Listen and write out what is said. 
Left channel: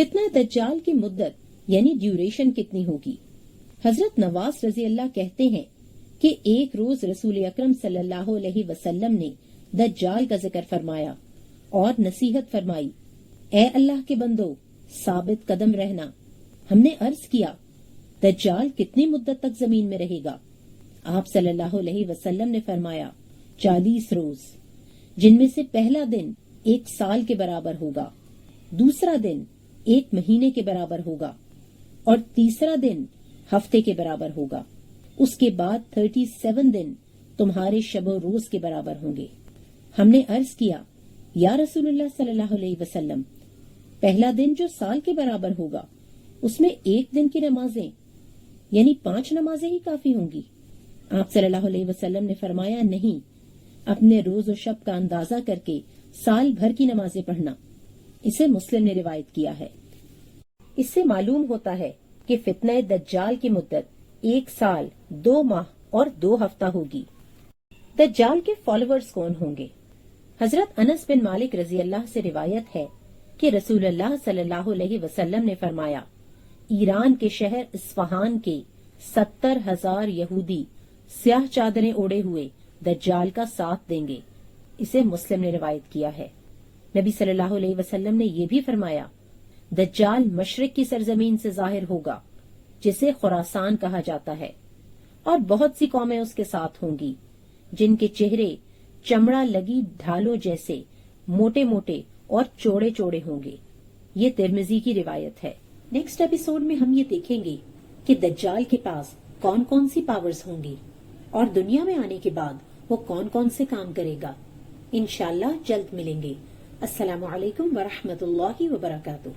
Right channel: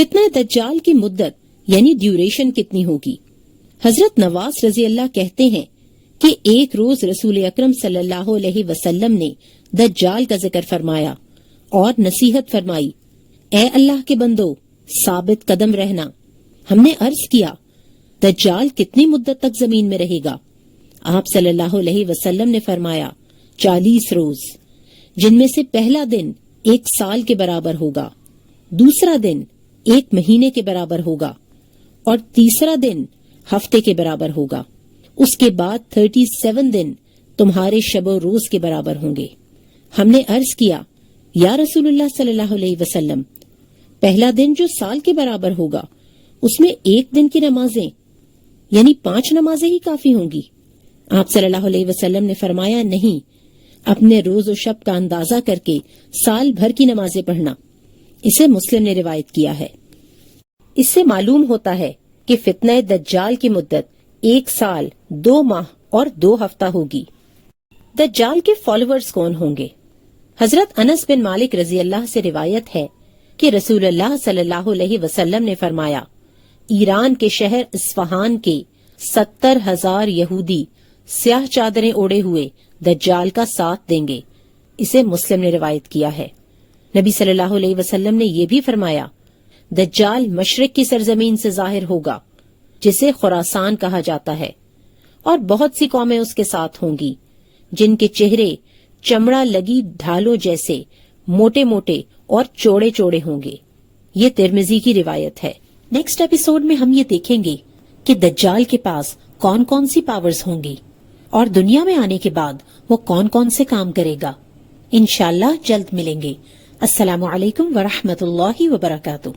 فتنہ دجال کی مدت یعنی ڈیوریشن کتنی ہوگی؟ حضرت نواز رضی اللہ کہتے ہیں کہ ایک روز رسول اکرم صلی اللہ علیہ وسلم نے دجال کا ذکر فرمایا اور نصیحت فرمائی، اے اللہ کے بندو ثابت قدم رہنا۔ ہم نے عرض کیا دجال کتنی مدت تک زمین میں رہے گا؟ آپ صلی اللہ علیہ وسلم نے فرمایا 40 روز، جن میں سے پہلا دن 1 سال کے برابر ہوگا، دوسرا دن 1 مہینے کے برابر ہوگا اور تیسرا دن ہفتے کے برابر ہوگا۔ اس کے بعد 37 دن تمہارے شب و روز کے برابر ہوں گے۔ ہم نے عرض کیا یا رسول اللہ صلی اللہ علیہ وسلم، پہلا دن جو سال کے برابر ہوگا اس میں 1 دن کی نمازیں یعنی 5 نمازیں ہی کافی ہوں گی؟ آپ صلی اللہ علیہ وسلم نے فرمایا نہیں، اپنے روز و شب کا اندازہ کر کے سال بھر کی نمازیں پڑھنا۔ اسے مسلم نے روایت کیا ہے۔ اس سے معلوم ہوتا ہے کہ فتنہ دجال کی مدت 1 سال 2 ماہ اور 2 ہفتہ ہوگی۔ دجال کے فالوورز کون ہوں گے؟ حضرت انس بن مالک رضی اللہ سے روایت ہے کہ رسول اللہ صلی اللہ علیہ وسلم نے فرمایا، ایران کے شہر اصفہان کے 70,000 یہودی سیاہ چادریں اوڑے ہوئے دجال کا ساتھ دیں گے۔ اسے مسلم نے روایت کیا ہے۔ نبی صلی اللہ علیہ وسلم نے یہ بھی فرمایا، دجال مشرق کی سرزمین سے ظاہر ہوگا جسے خراسان کہا جاتا ہے، اور بہت سی قومیں اس کے ساتھ ہوں گی جن کے چہرے چمڑا لگی ڈھالوں جیسے موٹے موٹے اور چوڑے چوڑے ہوں گے۔ یہ ترمذی کی روایت ہے۔ نیکسٹ ایپیسوڈ میں ہم یہ دیکھیں گے کہ دجال کے پاس کون کون سی پاورز ہوں گی اور دنیا میں آنے کے بعد وہ کون کون سے کام کرے گا۔ انشاءاللہ جلد ملیں گے۔ السلام علیکم ورحمۃ اللہ وبرکاتہ۔